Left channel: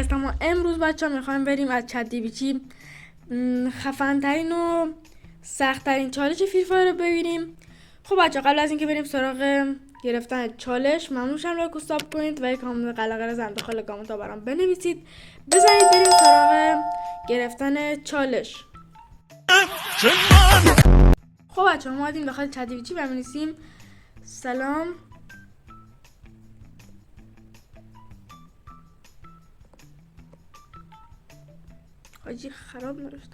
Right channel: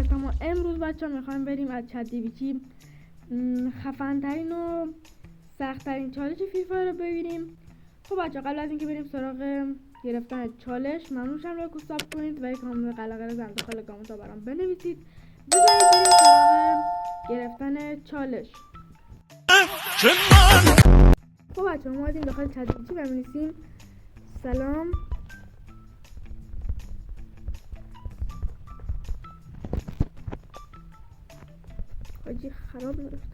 هستم و امروز بچه ها میخوایم بریم از چت‌جی‌پی‌تی خفن‌ترین و سخت‌ترین چالش فری فایر رو ببینیم. خب بچه ها قبل از اینکه بریم سراغ گرفتن چالش ممنون شم لایک و ساب کنید و یک کامنت قلقل زن داخل کامنت ها برام بنویسید. بزنید بریم سراغ گرفتن چالش. خب بچه ها ما اومدیم داخل چت‌جی‌پی‌تی و می‌نویسیم سلام حاجی خراب نرفت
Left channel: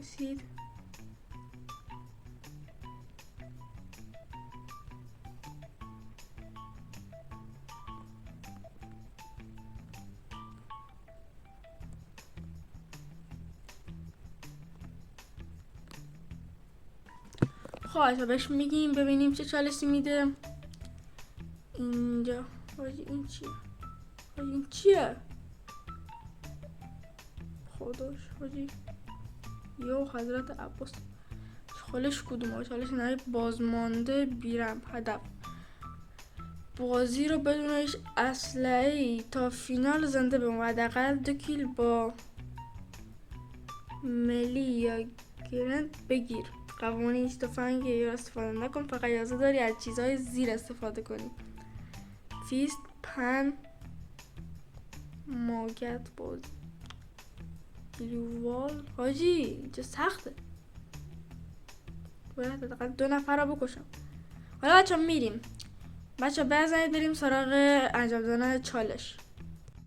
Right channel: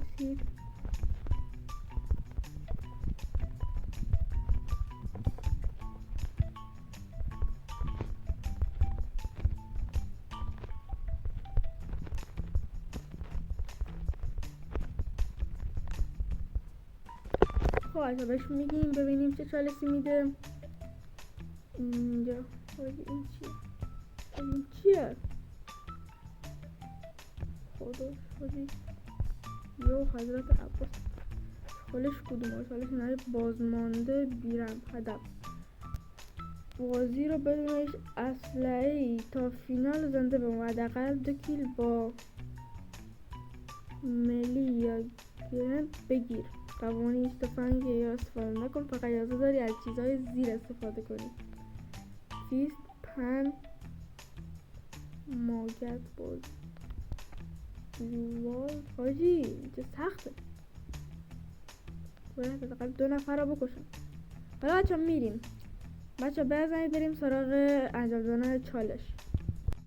رسید خب بهش میگیم ببینیم چه چالشی میده. اینجا حاجی این چیه خداش حاجی یو حضرت عباس چالش کدومه؟ چالش نهایی بازمانده بیرم هدف بازی رو بدون هیچ اسلحه‌ای تا فینال زنده بمون، حداقل 2 کیل با ملی یا گرند بگیر. قوانین هیچ تفنگ یا استفاده نکن، فقط اجازه داری از چیزهای زیر استفاده کنی. فیست پن ماگت باز بلووال حاجی اینجا سخته، باید حداقل 2 نفر رو بکشم. حالا بچه میریم بچه بزنید بریم سراغ انجام دادن چالش.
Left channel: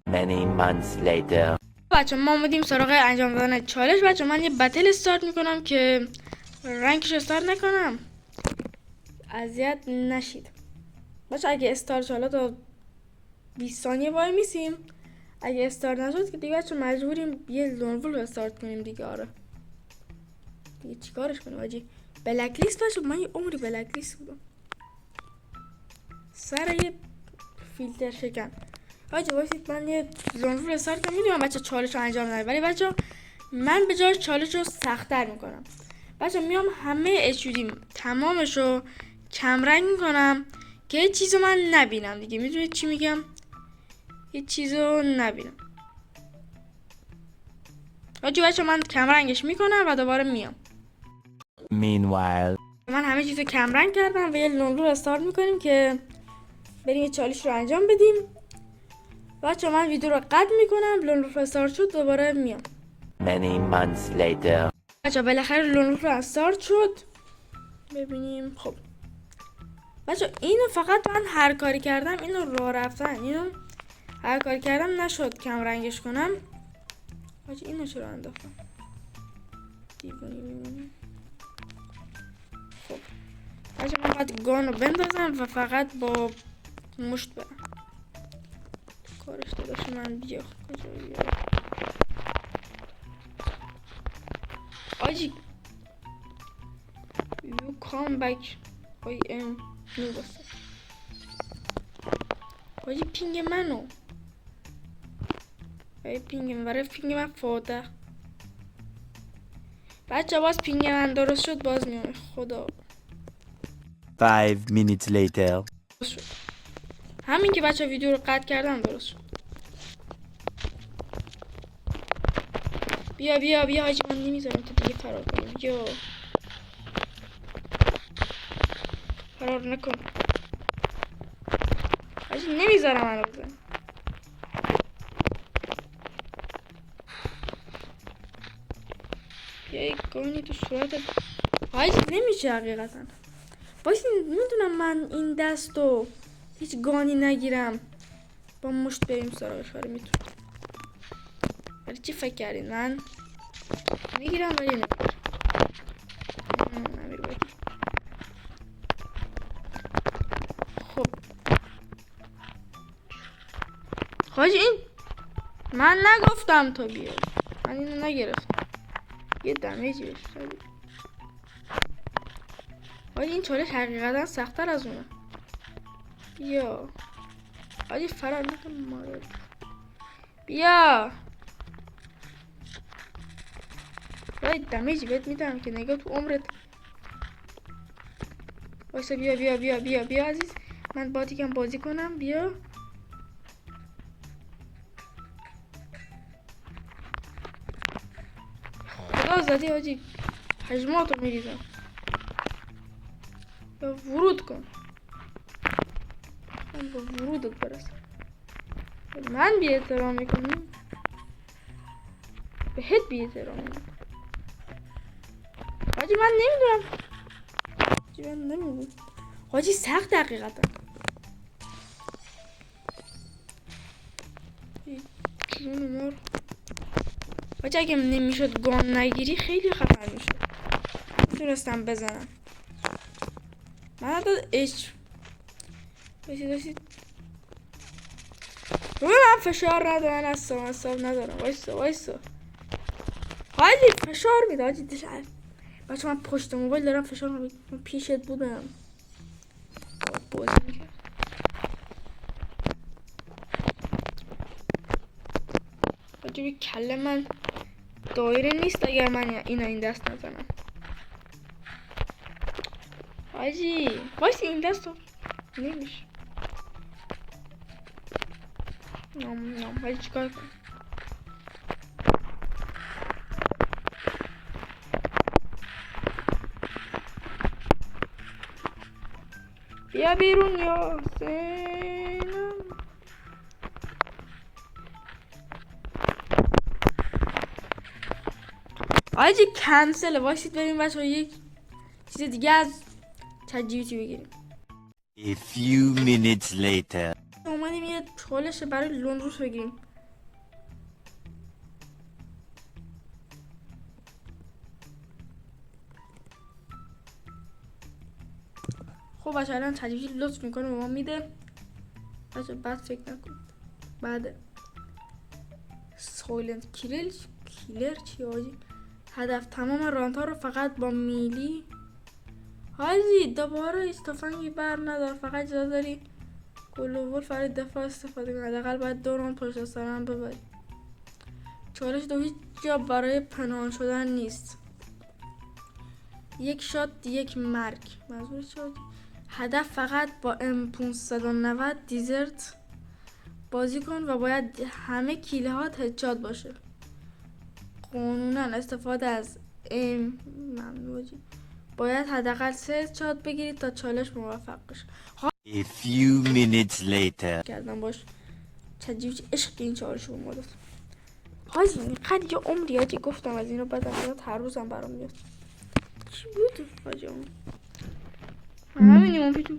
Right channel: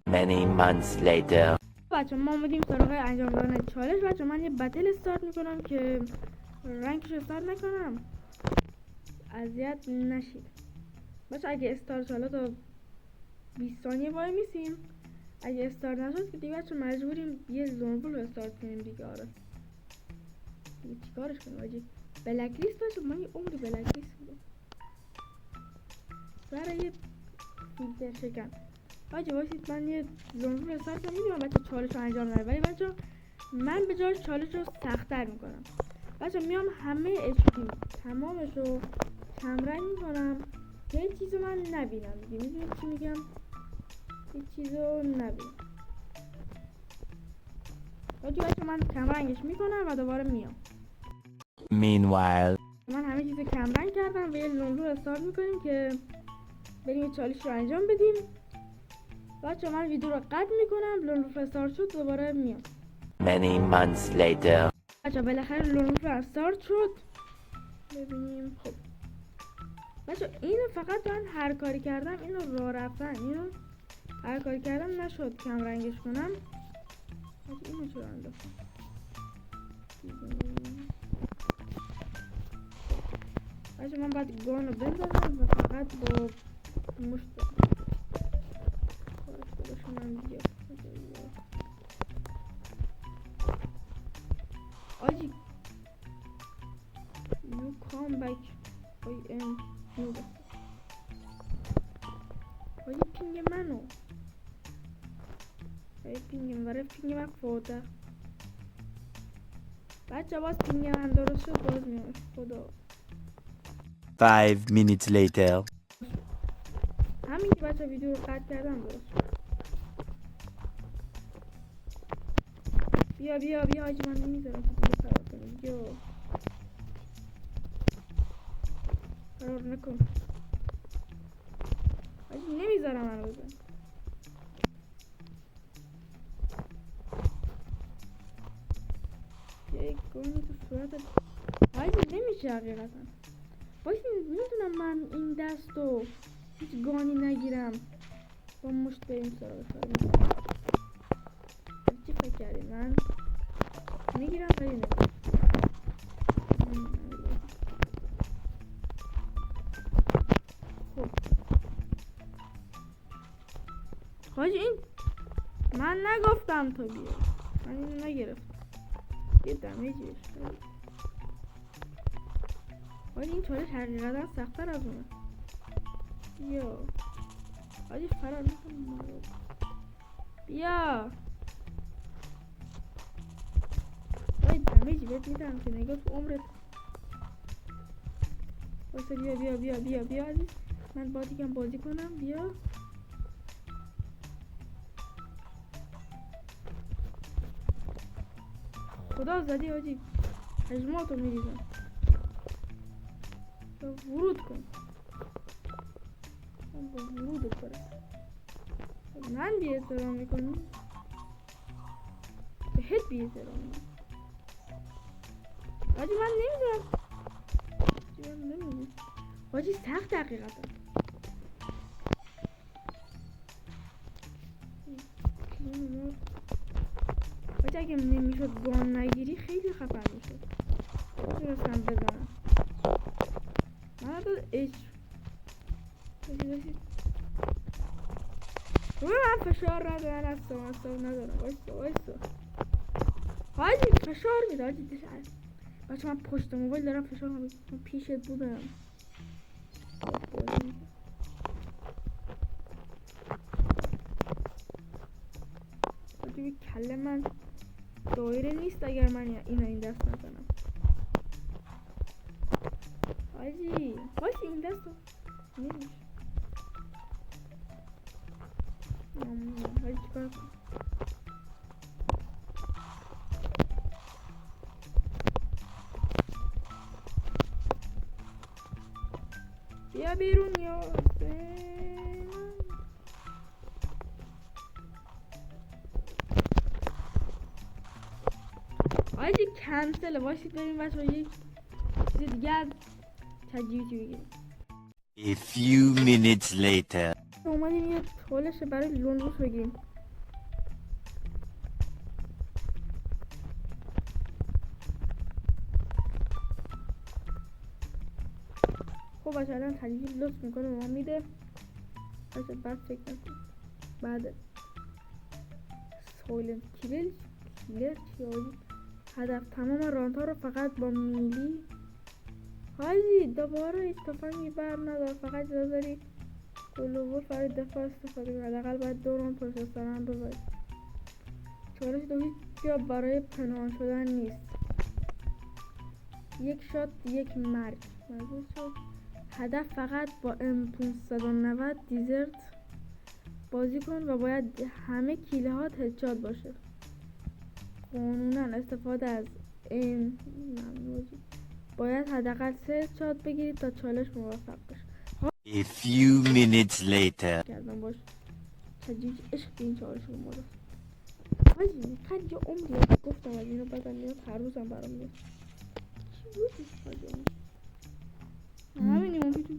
Many months later. بچه ما اومدیم سراغ انجام دادن چالش. بچه من یه بتل استارت میکنم که رنگش استارت نکنم، اذیت نشید. بچه اگه استارت شد حالا تا 20 ثانیه وای میسیم، اگه استارت نشد که دیگه بچه مجبوریم یه لونول رو استارت کنیم دیگه. آره دیگه چیکارش کنیم حاجی؟ بلک لیست بچه من یه عمری بلک لیست بودم سر یه فیلتر شکن. بچه وایسید من یه لونول استارت کنم. میدونم بچه چالش رو انجام نداره ولی بچه من به جای چالش رو سخت‌تر میکنم. بچه میام همه اچودیم تمامش رو کمرنگ میکنم که یه چیزو من نبینم دیگه. میدونید چی میگم؟ یه چیزو نبینم. بچه من کمرنگش میکنم و دوباره میام. Meanwhile. من همه چیزو کمرنگ کردم و یه لونلو رو استارت میکنیم که بریم یه چالش رو انجام بدیم. بچه من ویدیو رو قطع میکنم، لونلو رو استارت شد دوباره میام. Many months later. بچه بالاخره لونلو رو استارت شد. ببینیم خب بچه اینو فقط من هر کاری کردم، اینو راه رفتن اینو هر کاری کردم نشد کم رنگش کنم. بچه اینو چرا انداختم؟ خب بچه من باید گانو بندازم و فقط با مشت برم. کارش داداش من بیا آجی you come back I am no بسته آجی پینگ منو پینگ من برای پینگ من فوده. بچه باز پینگ من درست شد باز میام. خدا 5 minutes later. همین که بچه ویدیو رو قطع کردم درست شد. بیا بیا بیا حاجی من نمیذارم تو دیگه فرار کنی. بیا فرار نکن حاجی نمیذارم منو بزن. بیا یک گانی تو صورتت حاجی نمیشه حقیقتا. بایستی میدونم من این دستو هیچ گانی نگیرم با مشت بریم سراغش. آره میتونم. ولی چی فکر کردین من میگیرم ولی نمیگیرم. نمیر باید. خب حاجی این من نگفتم تو بیا، من اینو نگرفتم یه دمیجی بهش خیلی. حاجی این چالش حقیقتا سخت‌تر از اونه. بیا حاجی فرار نکن مادر. بیا باید دمیجی بهت میدم که نگاه تو عمرت. واسه بیا بیا بیا بیا بیا عزیز من با دیگم بازی کنم. بیا خدا زدی حاجی، حجماتو میریزم. یا ورود کن، من با ورودت برسم. من بی احترام میکنی، بهت بی احترام میکنی. حاجی من نمیدونم. حاجی سخت دقیقتا. جون مار. حاجی اگه نمیشد گام نگیری خیلی خطر میشه. میتونستم بزنم. من حتی باشید روی من فشار ندارن، اصاب ندارم. وایسا حاجی فشار میده حاجی دشعر. بچه من پشت موبایل دارم فشار میده. من پیشت بودم بازی میکرد. حاجی بی کله من دایره نیست اگر من این دست نزنم. حاجی وایسی این دست رو نمیشه. حاجی چیکار کنم؟ بیا بیرون یا حسینم. حاجی کنسله. وایسید بریم بچه یک چیز دیگه از چجیبیتی بگیریم. A few minutes later. اومدیم یه چالش برای لوندروس بگیریم. خب بچه الان تجویزی لطف میکنه به ما میده. بچه بعد فکر نکن. بعد سایلنت کیلر چی حاجی؟ هدف تمام رانت ها رو فقط با میلی. حاجی دوباره هیچ تفنگی بر ندار، فقط اجازه داری گلوول فرای دفاع استفاده کنی. حداقل باید 2 راند پشت سر هم ببری. چالش دو هیچ جا برای پنهان شدن نیست. یک شات یک مرگ. منظور شد هدف فقط با M590 دیزرت بازی کن و باید همه کیله هات هدشات باشه. قانونا استفاده از ممنوعی. باید حداقل 3 هدشات بگیرید تا چالش موفق بشه. A few minutes later. کردم باش چجوری عشق این چالش رو ما داد. حاجی اینقدر یه عمری حاجی گفتم از اینو بدم میاد، هر روزم برام میاد. چی بود حاجی اون؟ همینی اون تو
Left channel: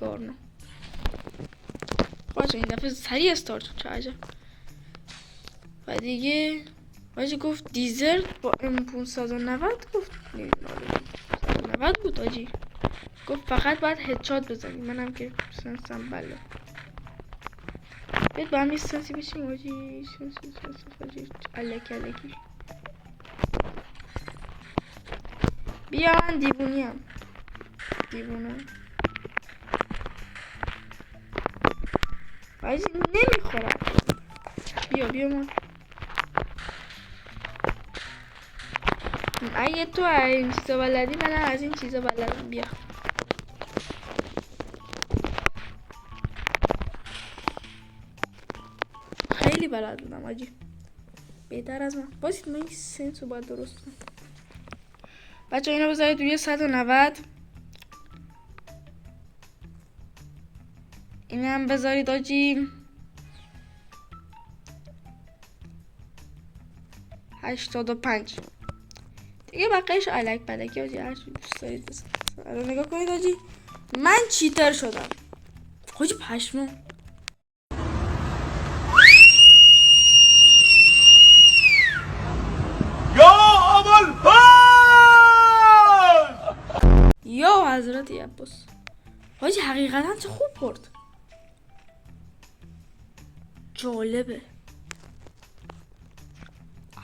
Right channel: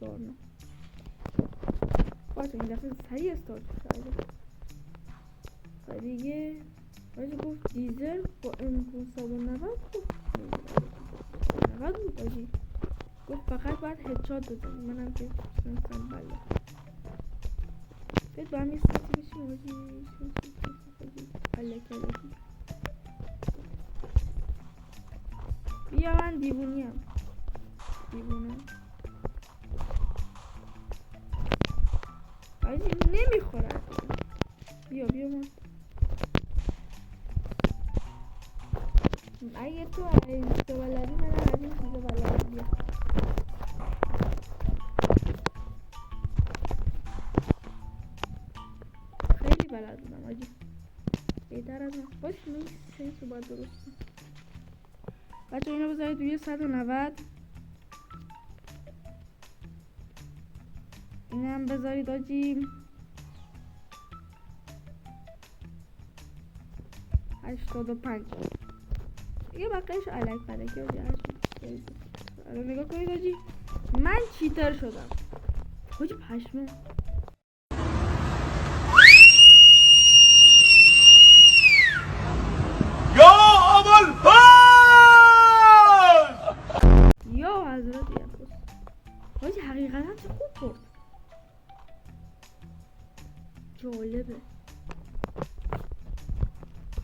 کارنا. حاجی این دفعه سریع استارت شد، چه عجب. و دیگه حاجی گفت دیزرت با M590 گفت 90 بود حاجی. گفت فقط باید هدشات بزنی. منم که سنسم بله. بید با هم یه سنسی بشیم حاجی. سنس حاجی الکی. بیا من دیوونه حاجی نمیخورم. بیا من اگه تو این چیزا بلدی منم از این چیزا بلدم. بیا خیلی بلد بودم حاجی، بهتر از من. باشید من این سنس رو باید درست کنم. بچه اینو بذارید روی 190. اینم بذارید حاجی 85 دیگه. بقیهش الک بلکی حاجی هر دوست دارید بزنید. الان نگاه کنید حاجی من چیتر شدم حاجی پشمام. یا حضرت عباس حاجی حقیقتا چه خوب برد. جالبه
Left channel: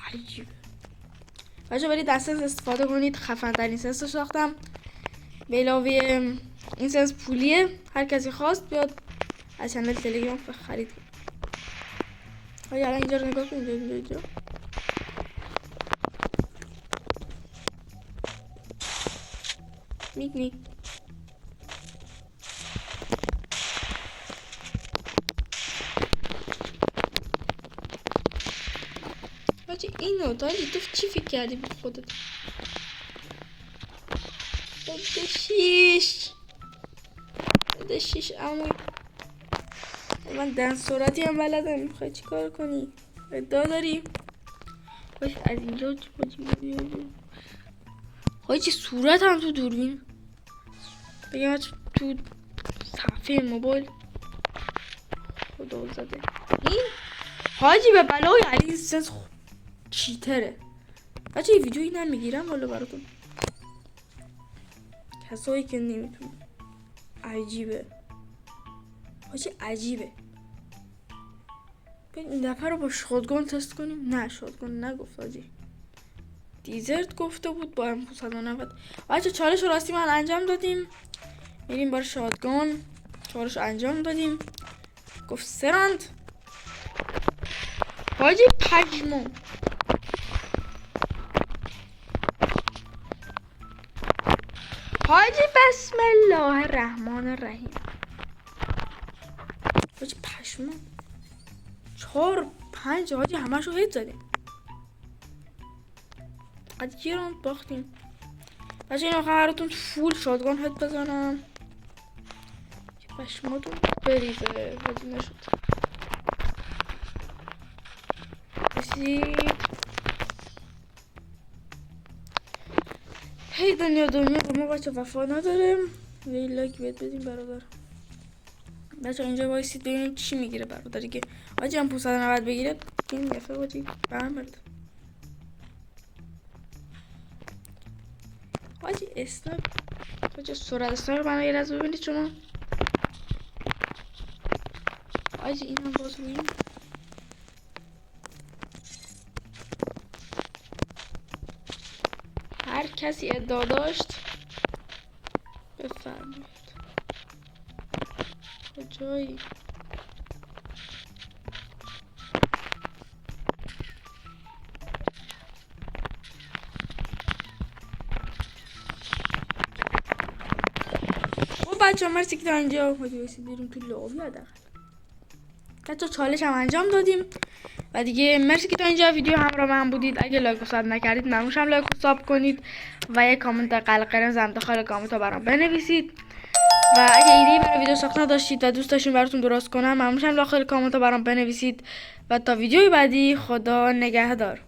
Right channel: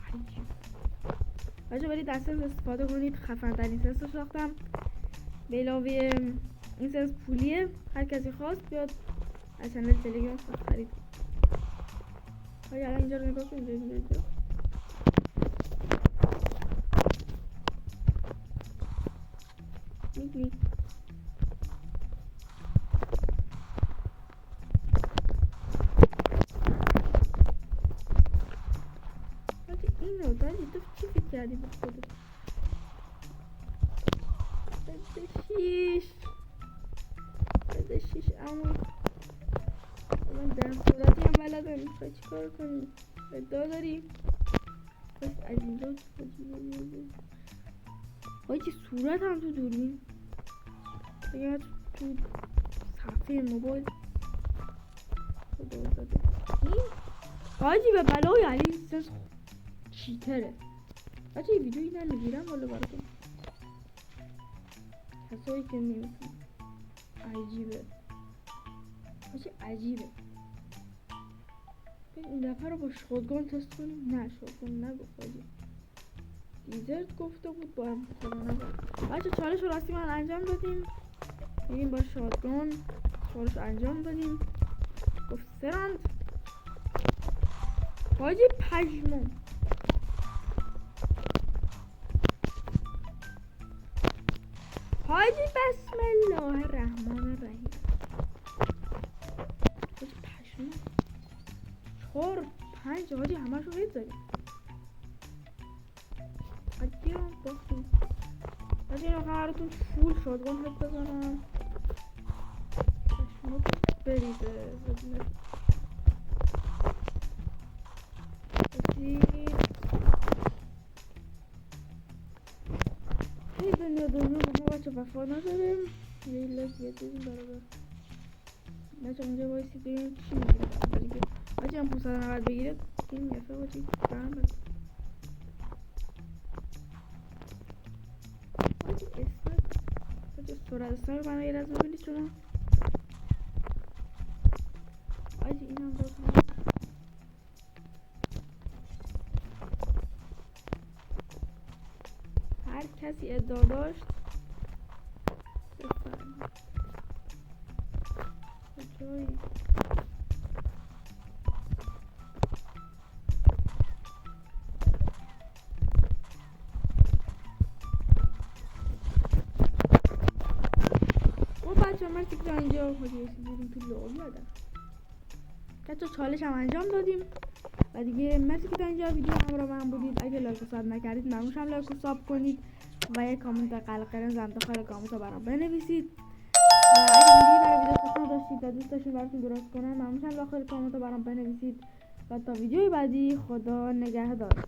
عجیب. بچه برید از سنس استفاده کنید. خفن ترین سنس رو ساختم به علاوه این سنس پولیه. هر کسی خواست بیاد از چنل تلگرام خرید. حاجی الان اینجا رو نگاه کن. اینجا میک حاجی اینو تا تو چی فکر کردی به خودت؟ بده شیش عموی. من دن سرعتی هم بلدم. میخوای چی کار کنی؟ ادعا داری؟ باش از اینجا چی صورت هم تو دوربین بگم تو صفحه موبایل خدا زده. این حاجی به بلای علی سنس چیتره. بچه این ویدیو اینم میگیرم والا براتون کسایی که نمیتونم. عجیبه حاجی عجیبه. این دفعه رو با شاتگان تست کنیم. نه شاتگان نگفت حاجی دیزرت گفته بود با هم 590. بچه چالش راستی من انجام دادیم. میریم بار شاتگان چالش انجام دادیم. گفت سراند حاجی پشمو. حاجی بسم الله الرحمن الرحیم. حاجی پشمو 4-5 حاجی همشو هیت زدیم. حاجی یه راند باختیم. بچه این آخر براتون فول شاتگان هیت بزنم پشماتون بریزه. حاجی نشد هی دنیا با ما بچه وفا نداره. یه لایک بهت بدیم برادر. بچه اینجا وایسید ببینیم چی میگیره برادر دیگه. حاجی هم 590 بگیره این دفعه حاجی برمرد. حاجی اسنایپ حاجی سرعت اسنایپ رو یه لحظه ببینید شما. حاجی این هم باز میگیم. هر کسی ادعا داشت بفرمایید. کجایی؟ بچه مرسی که تا اینجا بریم تو لابی هدر بچه چالش هم انجام دادیم و دیگه مرسی که تا اینجا ویدیو همراه من بودید. اگه لایک و ساب نکردید ممنونم لایک و ساب کنید و یک کامنت قلقرز هم داخل کامنت ها برام بنویسید و اگه ایده برای ویدیو ساختن داشتید و دوست داشتین براتون درست کنم ممنونم داخل کامنت ها برام بنویسید و تا ویدیوی بعدی خدا نگهدار.